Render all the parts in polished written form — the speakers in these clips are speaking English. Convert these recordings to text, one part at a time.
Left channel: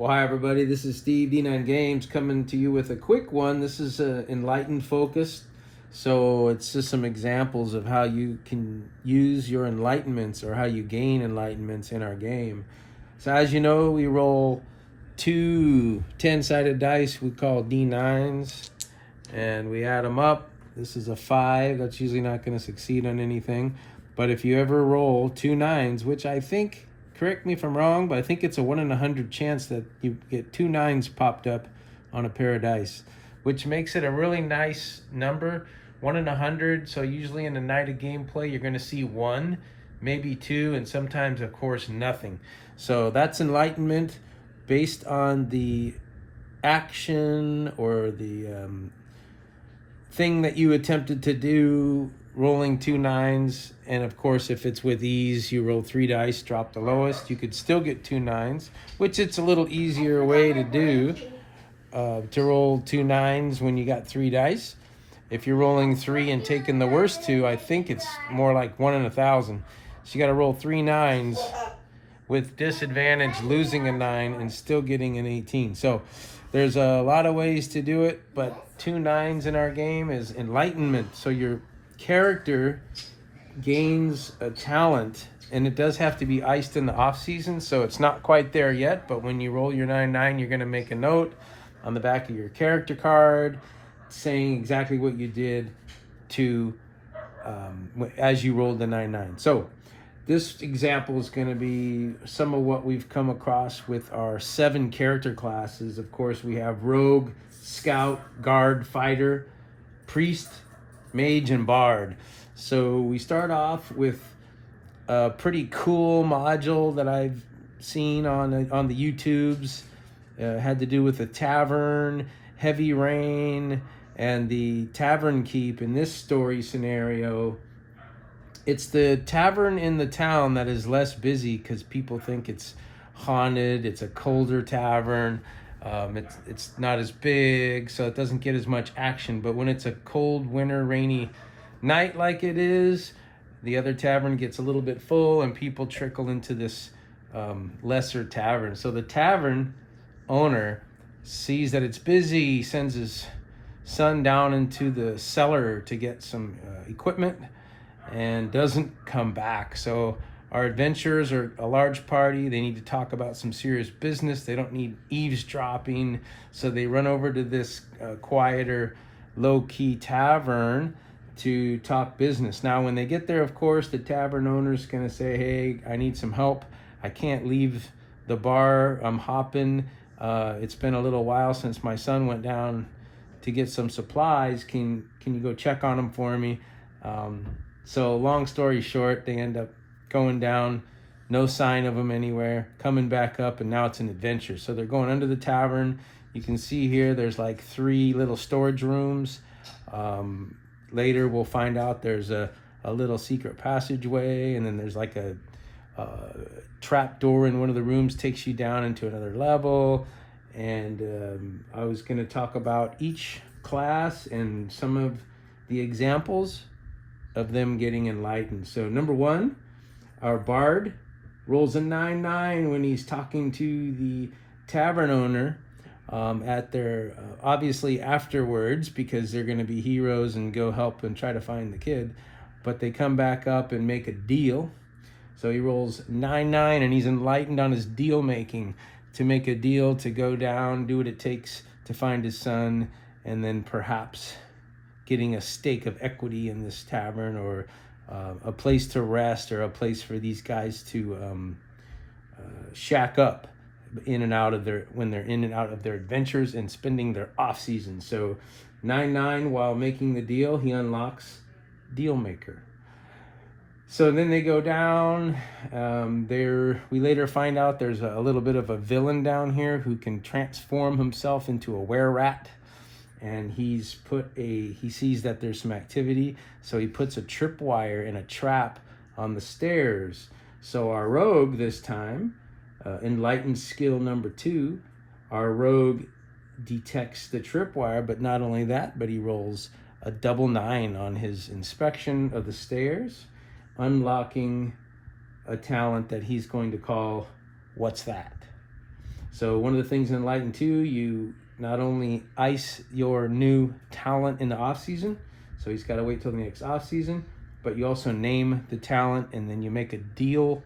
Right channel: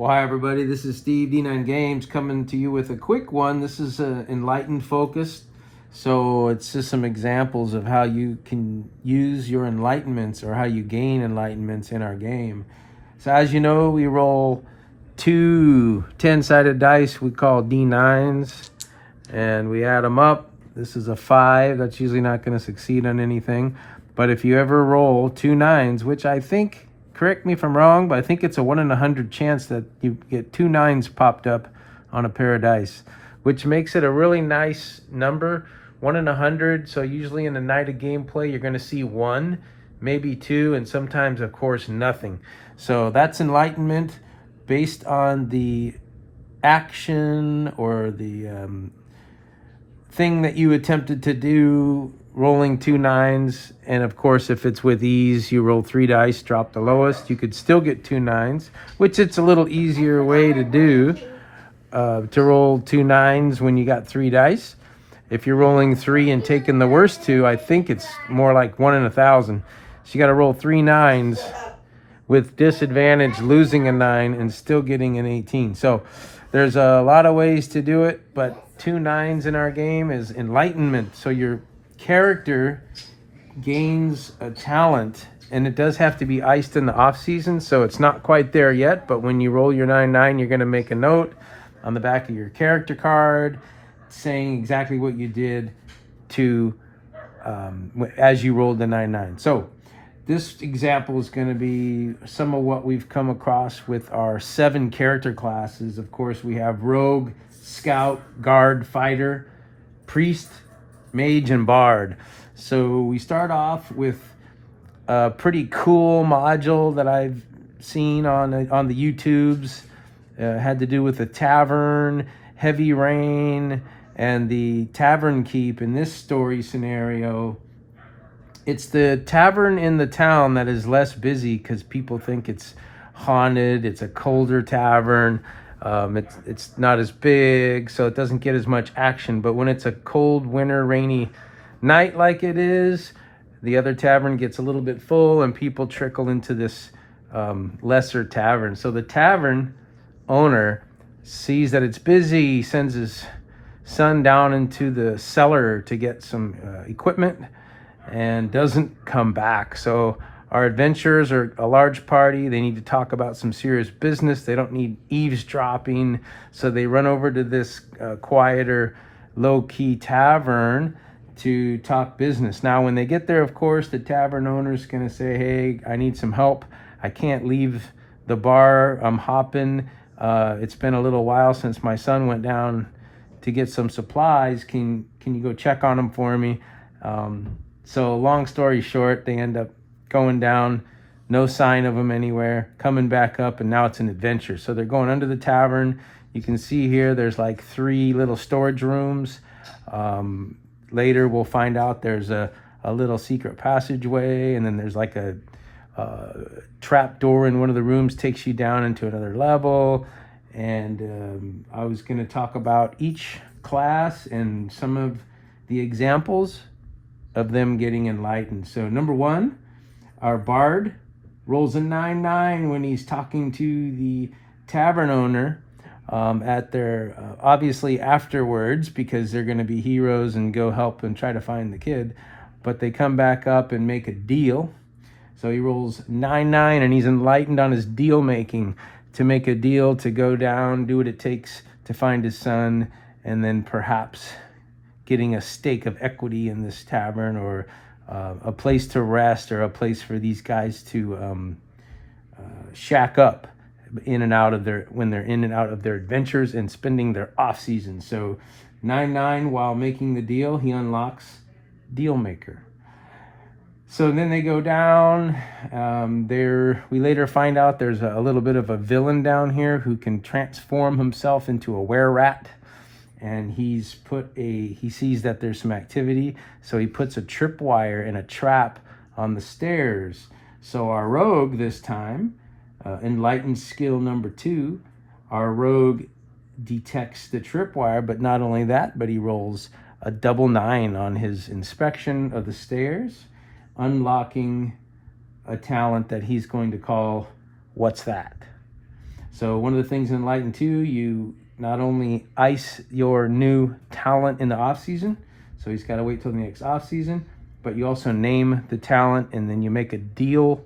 Well, hi everybody, this is Steve, D9 Games, coming to you with a quick one. This is enlightened focused, so it's just some examples of how you can use your enlightenments or how you gain enlightenments in our game. So as you know, we roll two 10-sided dice we call D9s, and we add them up. This is a 5. That's usually not going to succeed on anything, but if you ever roll two 9s, which I think, correct me if I'm wrong, but I think it's a 1 in 100 chance that you get two 9s popped up on a pair of dice, which makes it a really nice number. 1 in 100. So usually in the night of gameplay, you're going to see 1, maybe 2, and sometimes, of course, nothing. So that's enlightenment based on the action or the thing that you attempted to do, rolling two 9s. And of course, if it's with ease, you roll 3 dice, drop the lowest, you could still get two 9s, which it's a little easier way to do, to roll two 9s when you got 3 dice. If you're rolling 3 and taking the worst 2, I think it's more like 1 in 1,000. So you got to roll 3 9s with disadvantage, losing a 9 and still getting an 18. So there's a lot of ways to do it, but two 9s in our game is enlightenment. So your character gains a talent, and it does have to be iced in the off season, so it's not quite there yet. But when you roll your 9-9, you're going to make a note on the back of your character card saying exactly what you did to as you rolled the 9-9. So this example is going to be some of what we've come across with our 7 character classes. Of course, we have rogue, scout, guard, fighter, priest, mage, and bard. So we start off with a pretty cool module that I've seen on the YouTubes. Had to do with the tavern, heavy rain, and the tavern keep. In this story scenario, it's the tavern in the town that is less busy because people think it's haunted. It's a colder tavern. It's not as big, so it doesn't get as much action. But when it's a cold, winter, rainy night like it is, the other tavern gets a little bit full and people trickle into this lesser tavern. So the tavern owner sees that it's busy, sends his son down into the cellar to get some equipment, and doesn't come back. So our adventurers are a large party. They need to talk about some serious business. They don't need eavesdropping. So they run over to this quieter, low-key tavern to talk business. Now, when they get there, of course, the tavern owner's going to say, hey, I need some help. I can't leave the bar. I'm hopping. It's been a little while since my son went down to get some supplies. Can you go check on him for me? So long story short, they end up going down, no sign of him anywhere, coming back up, and now it's an adventure. So they're going under the tavern. You can see here there's like 3 little storage rooms. Later we'll find out there's a little secret passageway, and then there's like a trap door in one of the rooms, takes you down into another level. And I was going to talk about each class and some of the examples of them getting enlightened. So number 1, our bard rolls a 9-9 when he's talking to the tavern owner at their obviously afterwards, because they're going to be heroes and go help and try to find the kid. But they come back up and make a deal. So he rolls 9-9 and he's enlightened on his deal making, to make a deal to go down, do what it takes to find his son, and then perhaps getting a stake of equity in this tavern, or a place to rest, or a place for these guys to shack up in and out of when they're in and out of their adventures and spending their off season. So 9-9, while making the deal, he unlocks deal maker. So then they go down. We later find out there's a little bit of a villain down here who can transform himself into a were-rat. And he sees that there's some activity, so he puts a tripwire and a trap on the stairs. So our rogue this time, enlightened skill number 2, our rogue detects the tripwire, but not only that, but he rolls a double 9 on his inspection of the stairs, unlocking a talent that he's going to call What's That? So one of the things in Enlighten 2, you not only ice your new talent in the off season, so he's got to wait till the next off season, but you also name the talent, and then you make a deal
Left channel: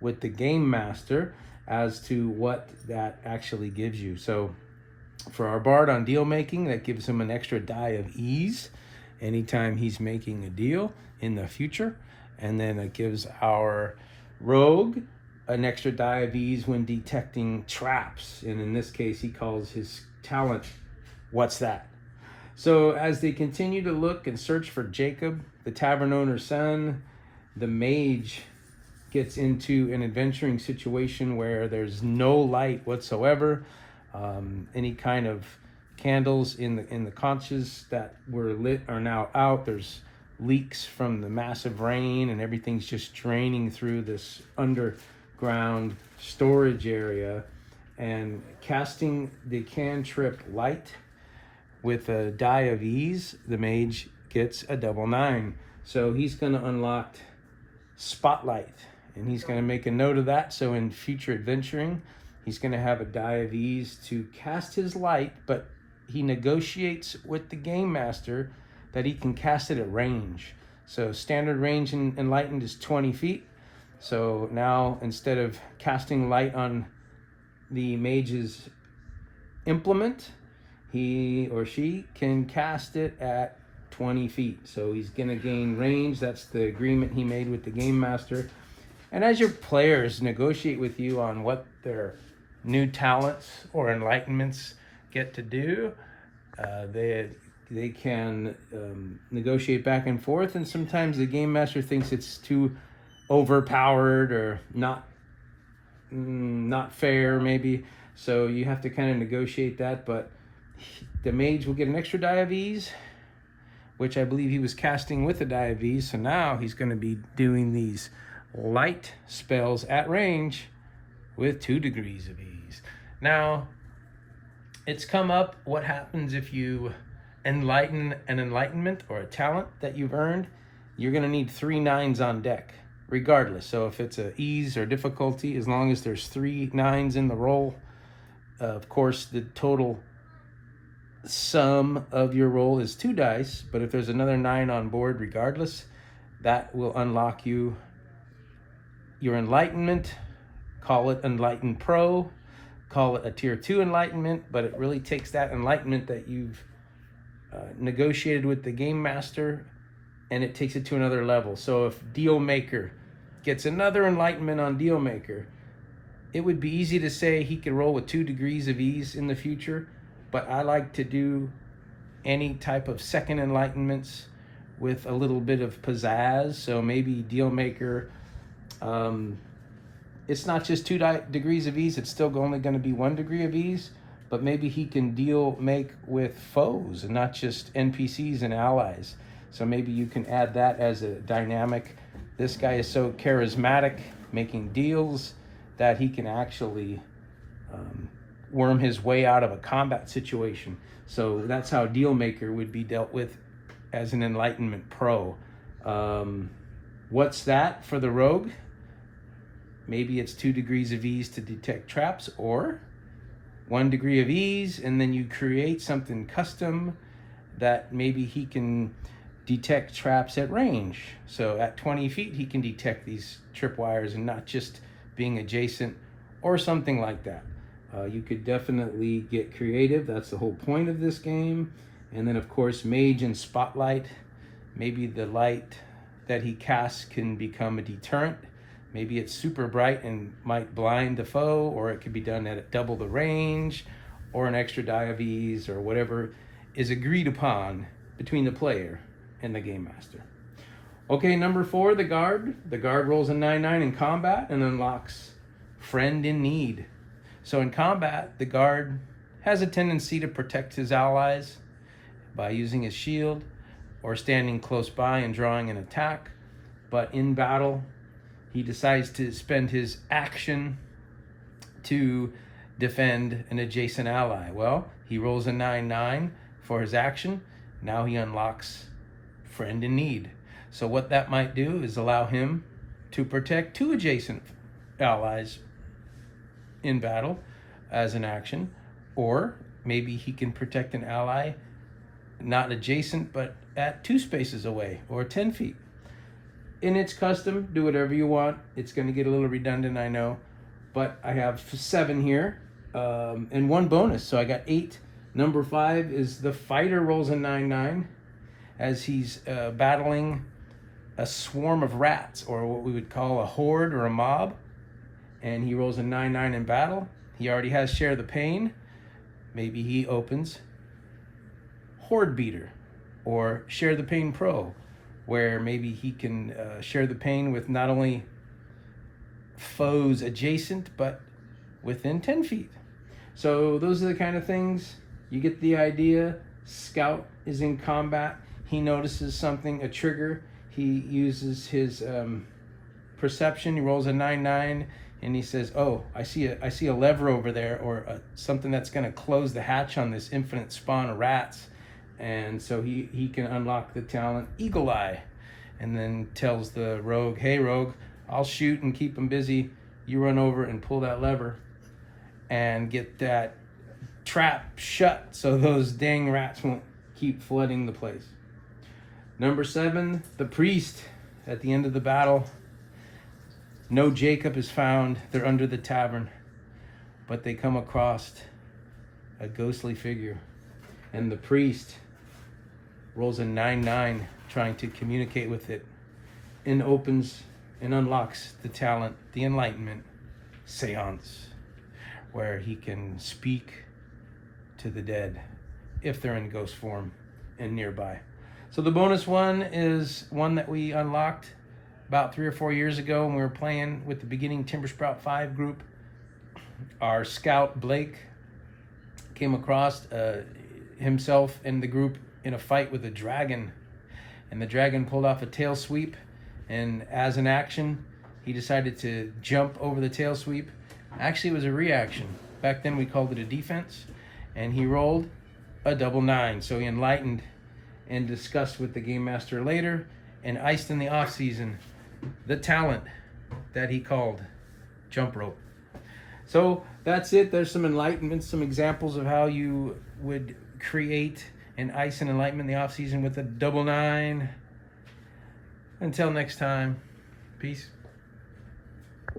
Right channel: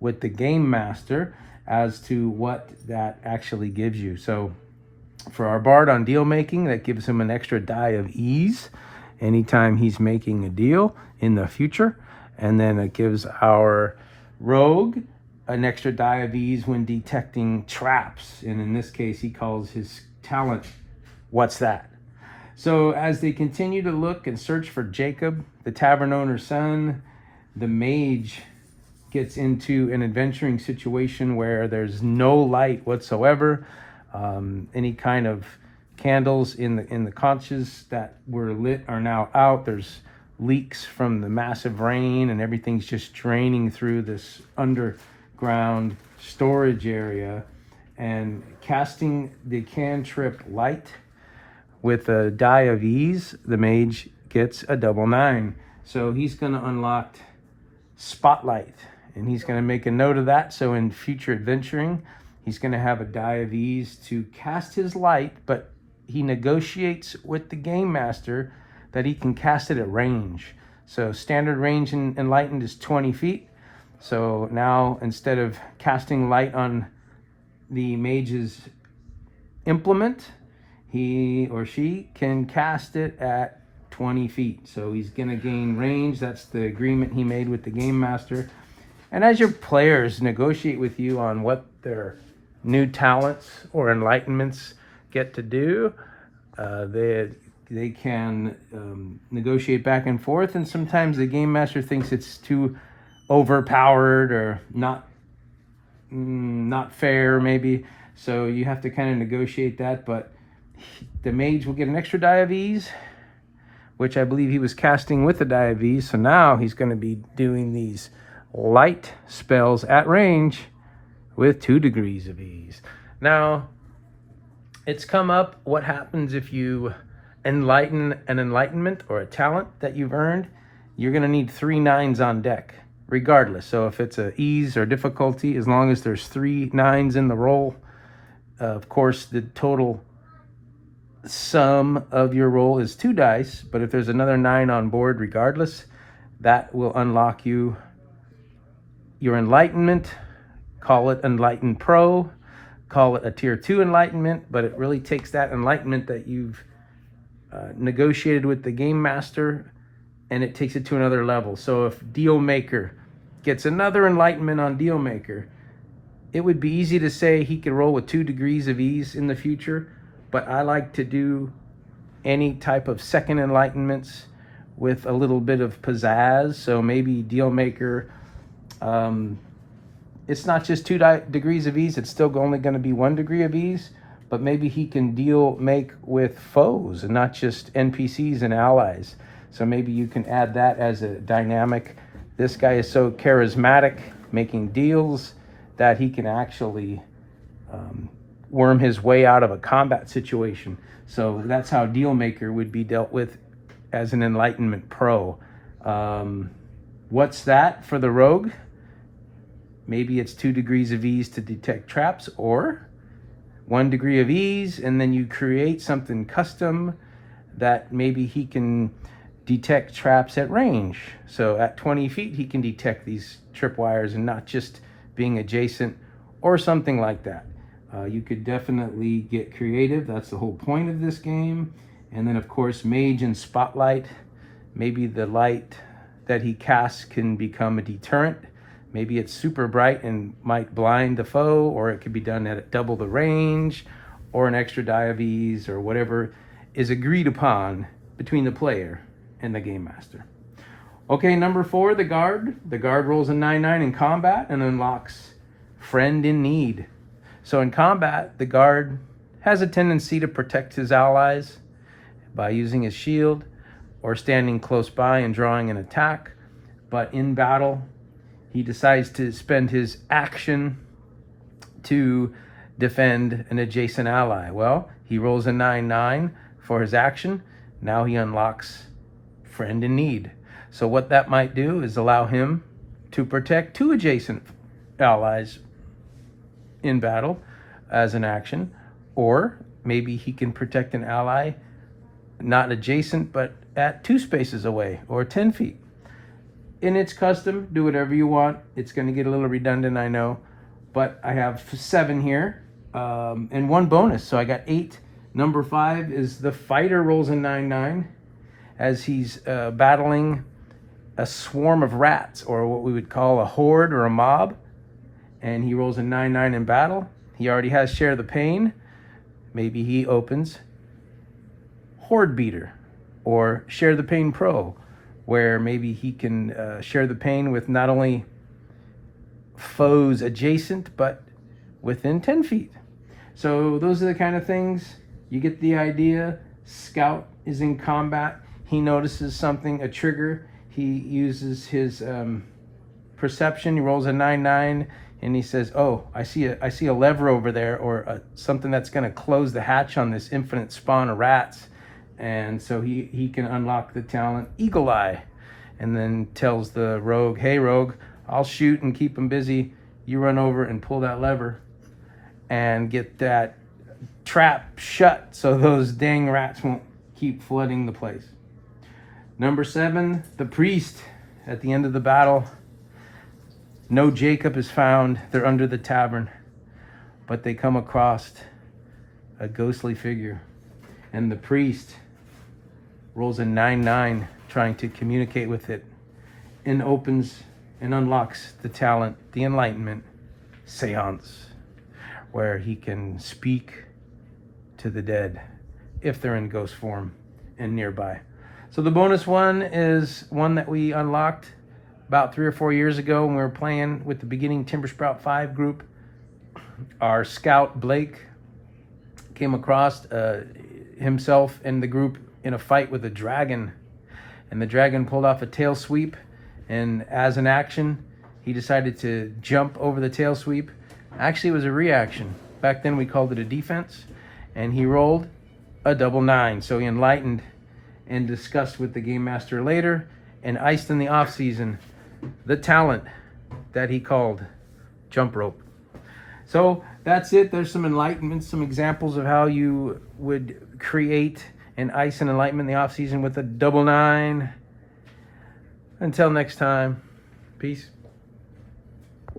with the game master as to what that actually gives you. So for our bard on deal making, that gives him an extra die of ease anytime he's making a deal in the future. And then it gives our rogue an extra die of ease when detecting traps. And in this case, he calls his talent, "What's that?" So as they continue to look and search for Jacob, the tavern owner's son, the mage gets into an adventuring situation where there's no light whatsoever. Any kind of candles in the conches that were lit are now out. There's leaks from the massive rain, and everything's just draining through this underground storage area. And casting the cantrip light with a die of ease, the mage gets a double 9. So he's going to unlock spotlight, and he's going to make a note of that. So in future adventuring, he's going to have a die of ease to cast his light, but he negotiates with the game master that he can cast it at range. So standard range in Enlightened is 20 feet. So now instead of casting light on the mage's implement, he or she can cast it at 20 feet. So he's going to gain range. That's the agreement he made with the game master. And as your players negotiate with you on what their new talents or enlightenments get to do, they can negotiate back and forth, and sometimes the game master thinks it's too overpowered or not fair maybe, so you have to kind of negotiate that. But the mage will get an extra die of ease, which I believe he was casting with a die of ease, so now he's going to be doing these light spells at range with 2 degrees of ease. Now, it's come up what happens if you enlighten an enlightenment or a talent that you've earned. You're going to need 3 9s on deck, regardless. So if it's a ease or difficulty, as long as there's 3 9s in the roll, of course, the total sum of your roll is 2 dice, but if there's another 9 on board, regardless, that will unlock you your enlightenment. Call it Enlighten Pro, call it a tier 2 enlightenment, but it really takes that enlightenment that you've negotiated with the game master, and it takes it to another level. So if Deal Maker gets another enlightenment on Deal Maker, it would be easy to say he could roll with 2 degrees of ease in the future, but I like to do any type of second enlightenments with a little bit of pizzazz. So maybe Deal Maker, it's not just 2 degrees of ease, it's still only going to be 1 degree of ease, but maybe he can make with foes and not just NPCs and allies. So maybe you can add that as a dynamic. This guy is so charismatic making deals that he can actually worm his way out of a combat situation. So that's how Deal Maker would be dealt with as an Enlightenment Pro. What's that for the rogue? Maybe it's 2 degrees of ease to detect traps, or 1 degree of ease, and then you create something custom that maybe he can detect traps at range. So at 20 feet, he can detect these tripwires and not just being adjacent or something like that. You could definitely get creative. That's the whole point of this game. And then, of course, Mage and Spotlight. Maybe the light that he casts can become a deterrent. Maybe it's super bright and might blind the foe, or it could be done at double the range, or an extra die of ease, or whatever is agreed upon between the player and the game master. Okay, number 4, the guard. The guard rolls a 9/9 in combat and unlocks Friend in Need. So in combat, the guard has a tendency to protect his allies by using his shield or standing close by and drawing an attack. But in battle, he decides to spend his action to defend an adjacent ally. Well, he rolls a 9/9 for his action. Now he unlocks Friend in Need. So what that might do is allow him to protect 2 adjacent allies in battle. as an action, or maybe he can protect an ally not adjacent but at 2 spaces away or 10 feet. And it's custom, do whatever you want. It's going to get a little redundant, I know, but I have 7 here and 1 bonus, so I got 8. Number 5 is the fighter rolls a 9/9 as he's battling a swarm of rats, or what we would call a horde or a mob, and he rolls a 9/9 in battle. He already has share the pain. Maybe he opens Horde Beater or Share the Pain Pro, where maybe he can share the pain with not only foes adjacent but within 10 feet. So those are the kind of things. You get the idea. Scout is in combat. He notices something, a trigger. He uses his perception. He rolls a 9/9 and he says, oh, I see a lever over there, or something that's going to close the hatch on this infinite spawn of rats. And so he can unlock the talent Eagle Eye, and then tells the rogue, hey rogue, I'll shoot and keep him busy. You run over and pull that lever and get that trap shut so those dang rats won't keep flooding the place. Number 7, the priest. At the end of the battle, no Jacob is found. They're under the tavern, but they come across a ghostly figure, and the priest rolls a 9/9 trying to communicate with it, and opens and unlocks the talent, the Enlightenment Seance, where he can speak to the dead if they're in ghost form and nearby. So the bonus one is one that we unlocked about 3 or 4 years ago when we were playing with the beginning Timber Sprout 5 group. Our scout Blake came across himself and the group in a fight with a dragon, and the dragon pulled off a tail sweep, and as an action he decided to jump over the tail sweep. Actually, it was a reaction. Back then we called it a defense, and he rolled a 9/9. So he enlightened and discussed with the game master later, and iced in the off season the talent that he called jump rope. So that's it. There's some enlightenment, some examples of how you would create and ice an enlightenment in the off season with a 9/9. Until next time, peace.